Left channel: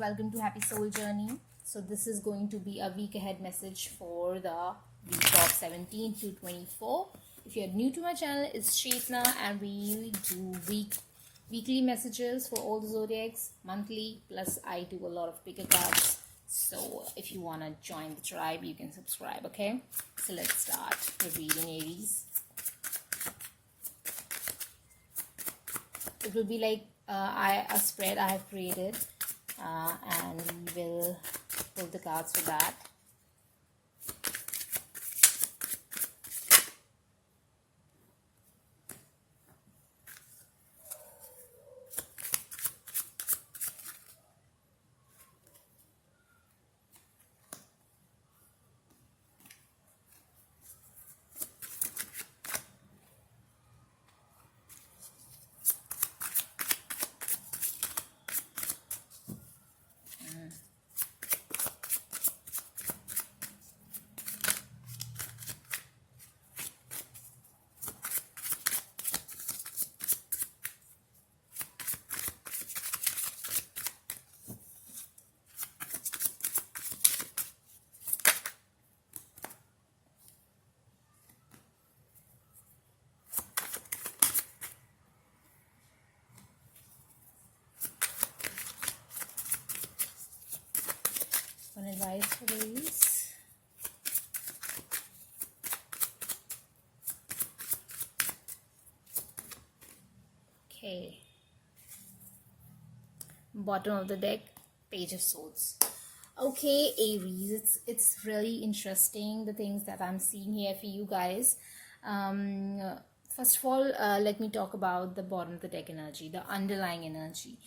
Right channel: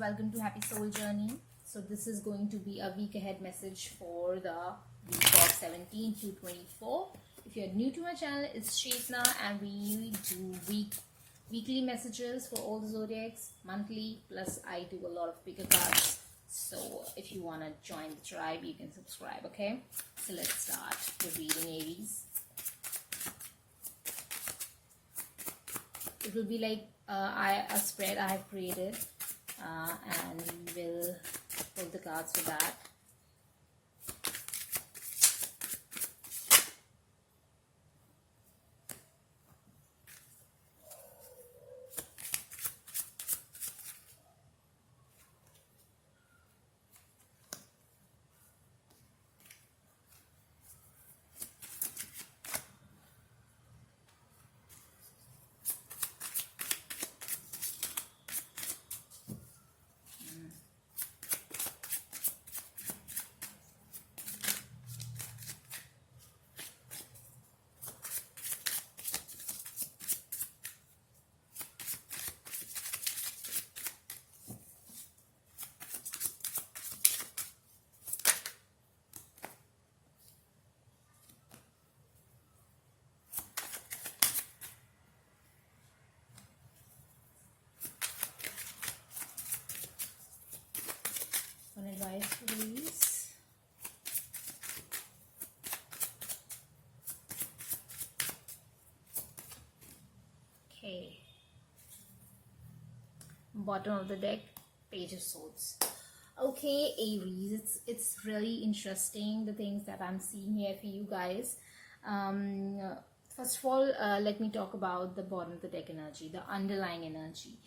welcome to Happy Soul Journey. So this is going to be a week ahead message for the week of 17 to 24. If you're new to my channel, it's Chetna and we do weekly messages for all the zodiacs, monthly, plus I do a lot of bigger cards. So if you want to join the tribe, you can subscribe, okay? So let's start with reading Aries. It will be like a spread I have created, and we will pull the cards for that. One advice for Aries. Okay. Bottom of the deck, Page of Swords. Okay, Aries, it's really interesting the things that I'm seeing here for you guys. First of all, let me talk about the bottom of the deck energy, the underlying energy.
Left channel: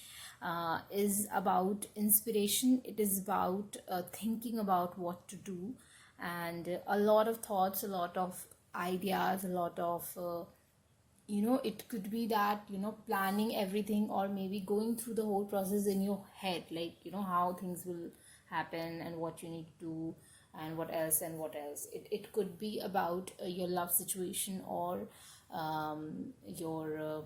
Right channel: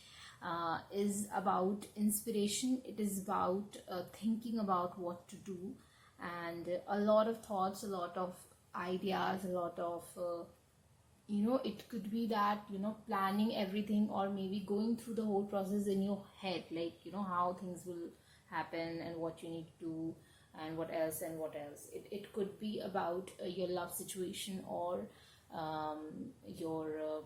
Is about inspiration. It is about thinking about what to do, and a lot of thoughts, a lot of ideas, a lot of it could be that planning everything, or maybe going through the whole process in your head, like how things will happen and what you need to do and what else and what else. It could be about your love situation, or your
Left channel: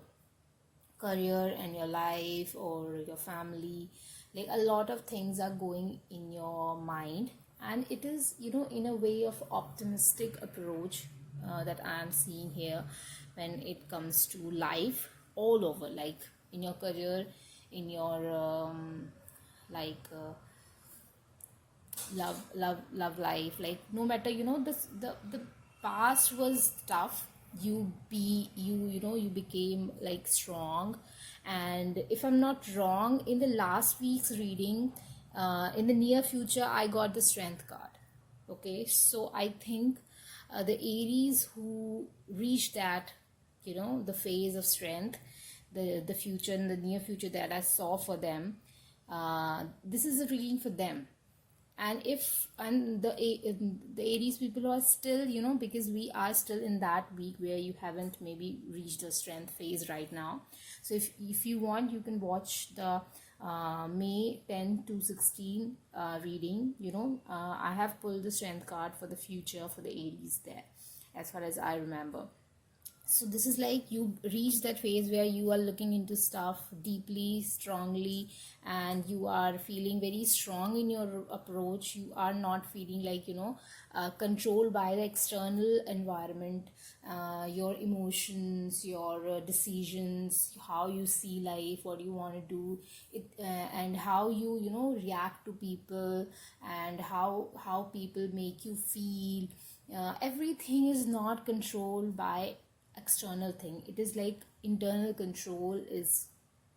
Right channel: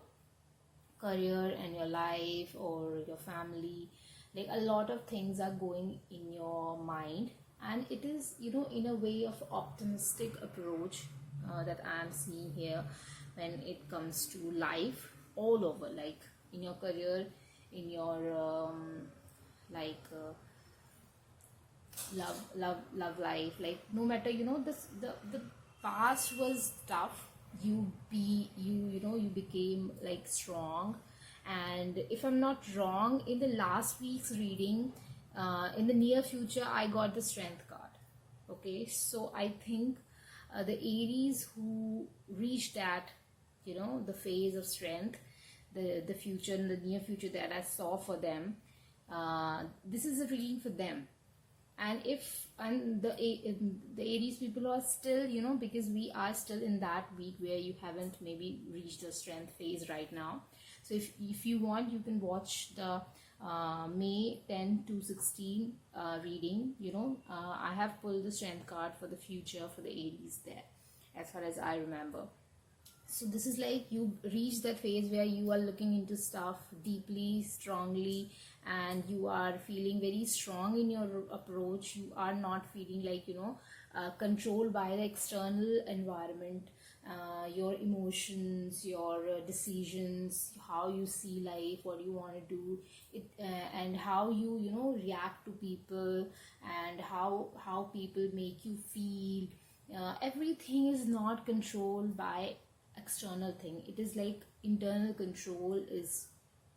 career and your life, or your family. Like a lot of things are going in your mind, and it is in a way of optimistic approach that I am seeing here when it comes to life all over, like in your career, in your love life. Like no matter the past was tough, you became like strong. And if I'm not wrong, in the last week's reading, in the near future, I got the Strength card. Okay, so I think the Aries who reached that the phase of strength, the future, in the near future that I saw for them, this is a reading for them. And the Aries people are still, because we are still in that week where you haven't maybe reached the strength phase right now. So if you want, you can watch the May 10 to 16 reading. I have pulled the Strength card for the future for the Aries there, as far as I remember. So this is like you reach that phase where you are looking into stuff deeply, strongly, and you are feeling very strong in your approach. You are not feeling like controlled by the external environment, your emotions, your decisions, how you see life, what you want to do it, and how you react to people, and how people make you feel. Everything is not controlled by external thing. It is like internal control is,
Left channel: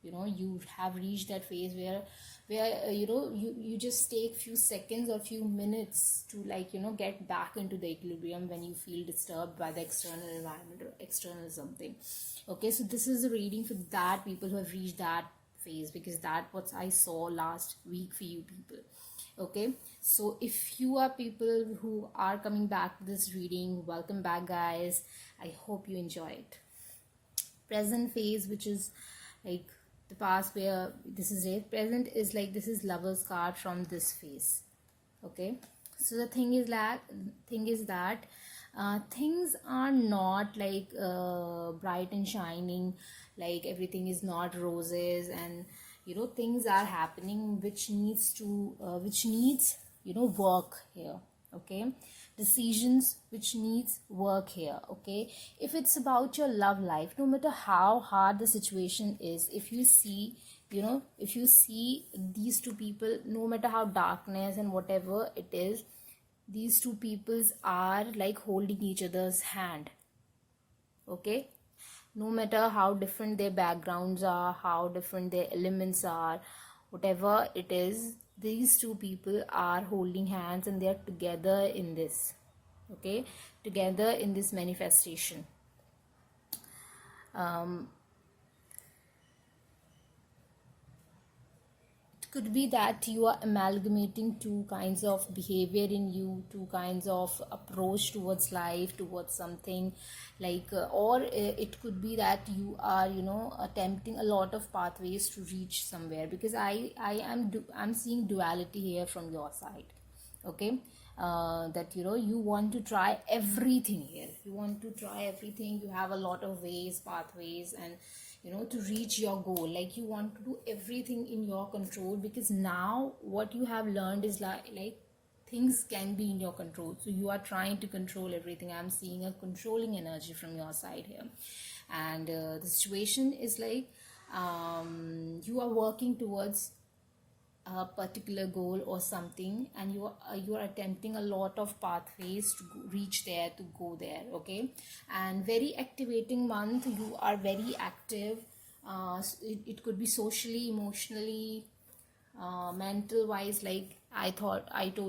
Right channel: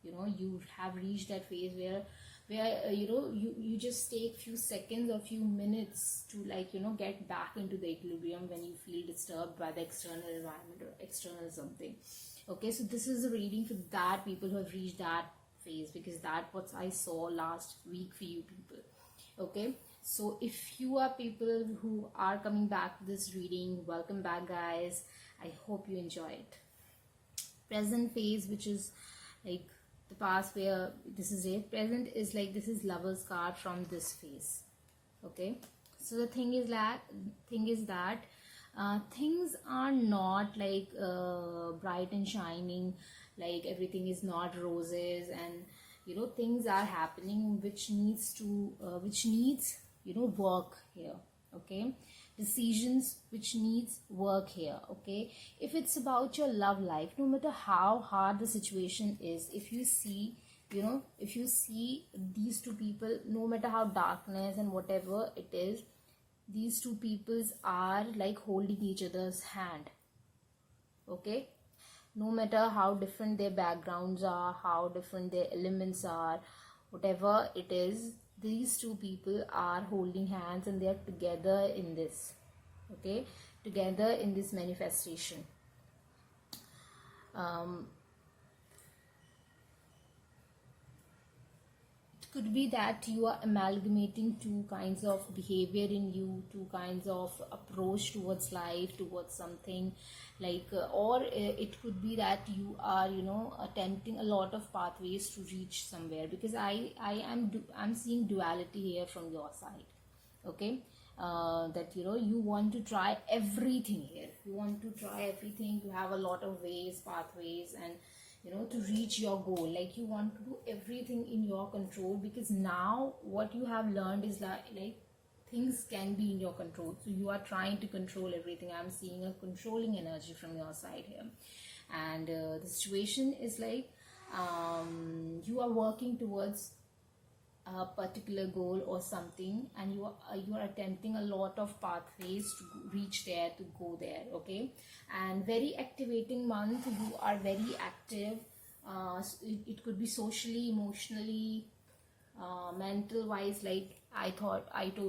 you have reached that phase where you just take few seconds or few minutes to get back into the equilibrium when you feel disturbed by the external environment or external something. Okay, so this is a reading for that people who have reached that phase, because that what I saw last week for you people. Okay, so if you are people who are coming back to this reading, welcome back guys. I hope you enjoy it. Present phase, which is like the past, where this is it. Present is like this is Lover's card from this phase. Okay, so the thing is that things are not like bright and shining, like everything is not roses, and things are happening which needs work here. Okay, decisions which needs work here. Okay, if it's about your love life, no matter how hard the situation is, if you see these two people, no matter how darkness and whatever it is, these two peoples are like holding each other's hand. Okay, no matter how different their backgrounds are, how different their elements are, whatever it is, these two people are holding hands and they are together in this. Okay, together in this manifestation. Could be that you are amalgamating two kinds of behavior in you, two kinds of approach towards life, towards something like or it could be that you are attempting a lot of pathways to reach somewhere, because I'm seeing duality here from your side. Okay, that you want to try everything here, you want to try everything, you have a lot of ways, pathways, and to reach your goal. Like you want to do everything in your control, because now what you have learned is like things can be in your control, so you are trying to control everything. I'm seeing a controlling energy from your side here, and the situation is like you are working towards a particular goal or something, and you are attempting a lot of pathways to reach there, to go there. Okay, and very activating month, you are very active. It could be socially, emotionally, mental wise. Like I told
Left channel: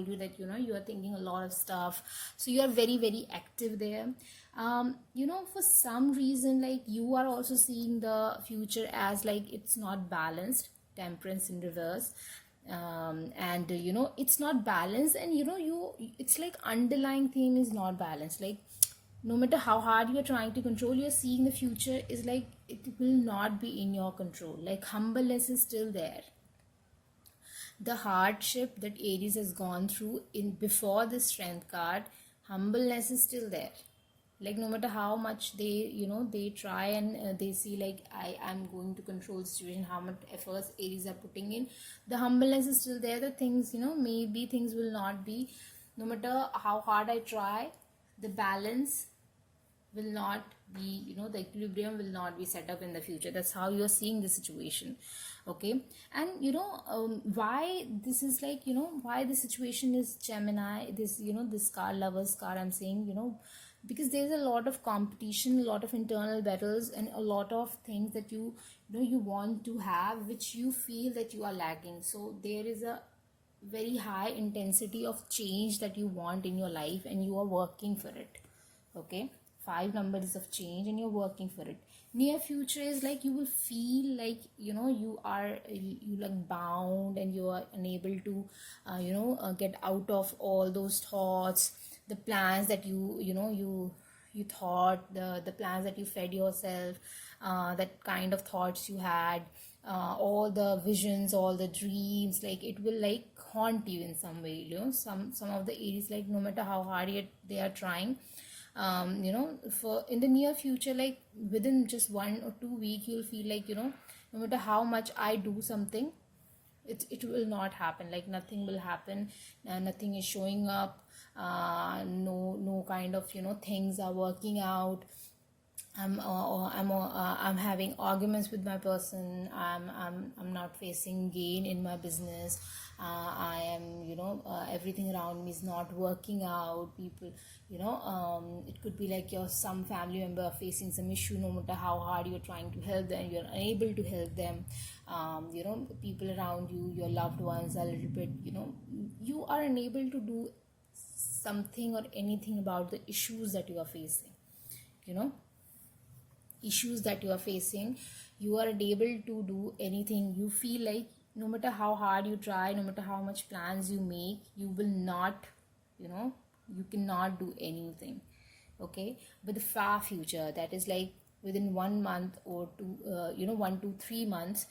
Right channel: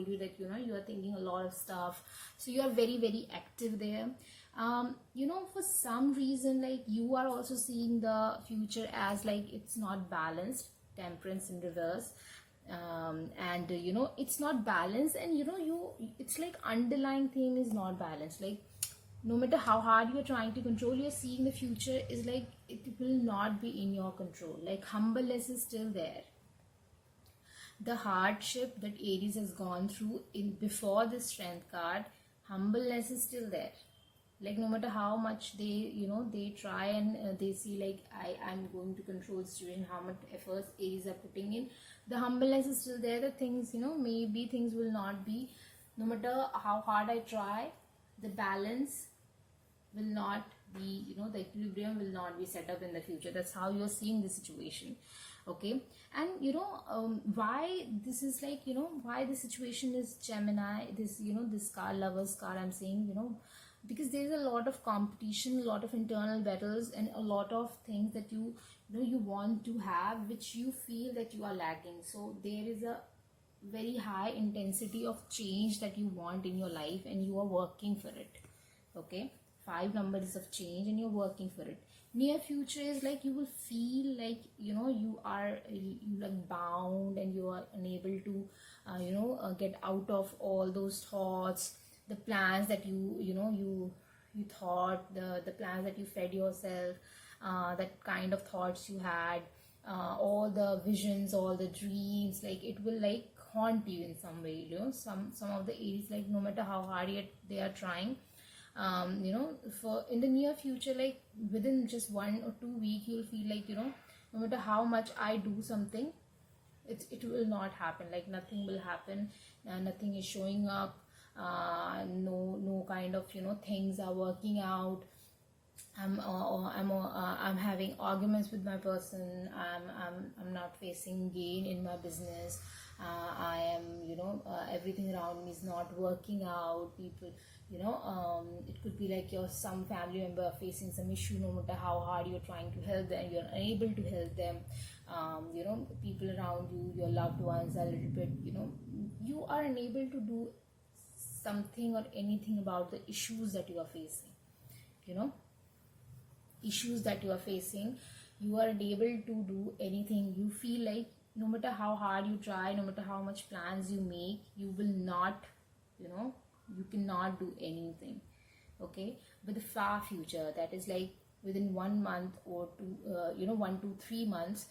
you that you are thinking a lot of stuff, so you are very very active there. For some reason, like you are also seeing the future as like it's not balanced, temperance in reverse. And it's not balanced, and it's like underlying theme is not balanced. Like no matter how hard you're trying to control, you're seeing the future is like it will not be in your control. Like humbleness is still there. The hardship that Aries has gone through in before the strength card, humbleness is still there. Like no matter how much they try and they see like I'm going to control the situation, how much efforts Aries are putting in, the humbleness is still there. The things maybe things will not be, no matter how hard I try, the balance will not be, the equilibrium will not be set up in the future. That's how you're seeing the situation. Okay, and why this is like, why the situation is Gemini, this this card, lovers card, I'm saying, because there's a lot of competition, a lot of internal battles, and a lot of things that you want to have, which you feel that you are lacking. So there is a very high intensity of change that you want in your life, and you are working for it. Okay, 5 numbers of change, and you're working for it. Near future is like you will feel like you like bound, and you are unable to get out of all those thoughts, the plans that you thought, the plans that you fed yourself, that kind of thoughts you had, all the visions, all the dreams, like it will like haunt you in some way. Some of the Aries, like no matter how hard they are trying, for in the near future, like within just 1 or 2 weeks, you'll feel like no matter how much I do something, it will not happen. Like nothing will happen, nothing is showing up, no kind of things are working out. I'm having arguments with my person. I'm not facing gain in my business. I am everything around me is not working out. People, it could be like some family member facing some issue. No matter how hard you're trying to help them, you're unable to help them. People around you, your loved ones, are a little bit, you are unable to do something or anything about the issues that you are facing. Issues that you are facing, you are unable to do anything. You feel like no matter how hard you try, no matter how much plans you make, you will not, you cannot do anything. Okay, but the far future, that is like within 1 month or 2, 1 to 3 months,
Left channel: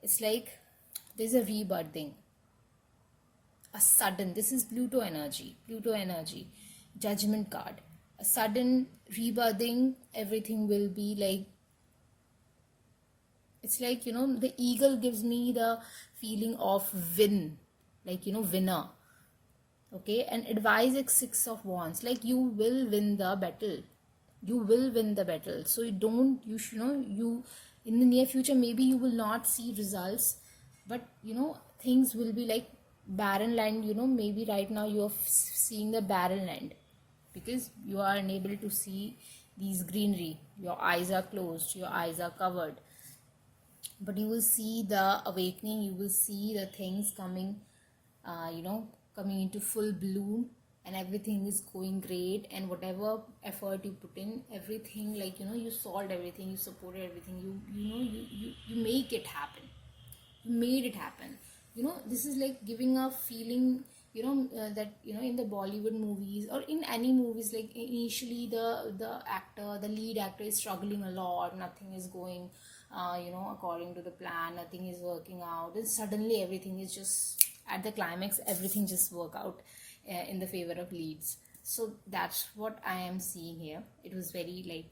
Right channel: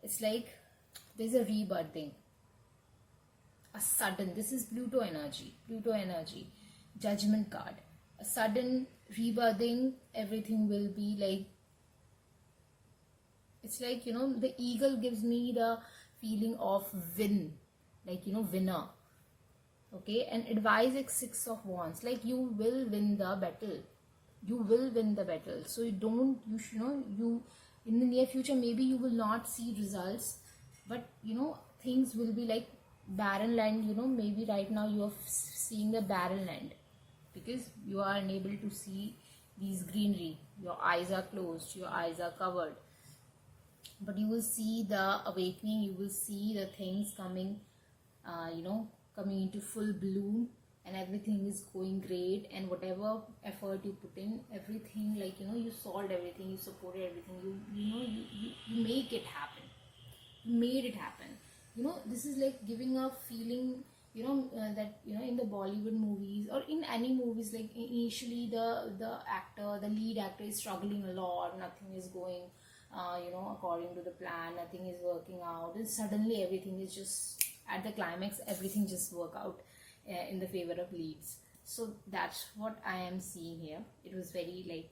it's like there's a rebirthing, a sudden, this is Pluto energy, judgment card, a sudden rebirthing. Everything will be like It's like, the eagle gives me the feeling of win, like, winner. Okay, and advice is Six of Wands, like you will win the battle. You will win the battle. So you don't, you should, you, in the near future, maybe you will not see results, but things will be like barren land. Maybe right now you are seeing the barren land because you are unable to see these greenery. Your eyes are closed, your eyes are covered, but you will see the awakening. You will see the things coming, coming into full bloom, and everything is going great. And whatever effort you put in, everything, like, you solved everything, you supported everything, you make it happen. You made it happen. This is like giving a feeling, that in the Bollywood movies or in any movies, like initially the lead actor is struggling a lot, nothing is going according to the plan, nothing is working out, and suddenly everything is just at the climax, everything just work out in the favor of leads. So that's what I am seeing here. It was very like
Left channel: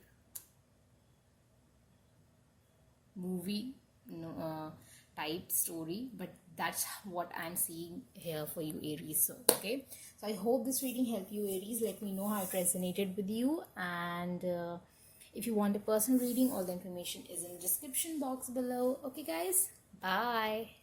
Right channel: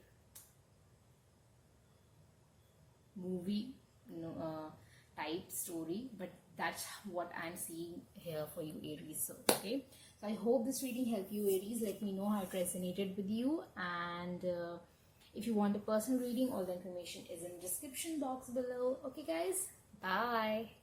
movie type story, but that's what I'm seeing here for you, Aries. So okay, so I hope this reading helped you, Aries. Let me know how it resonated with you, and if you want a personal reading, all the information is in the description box below. Okay guys, bye.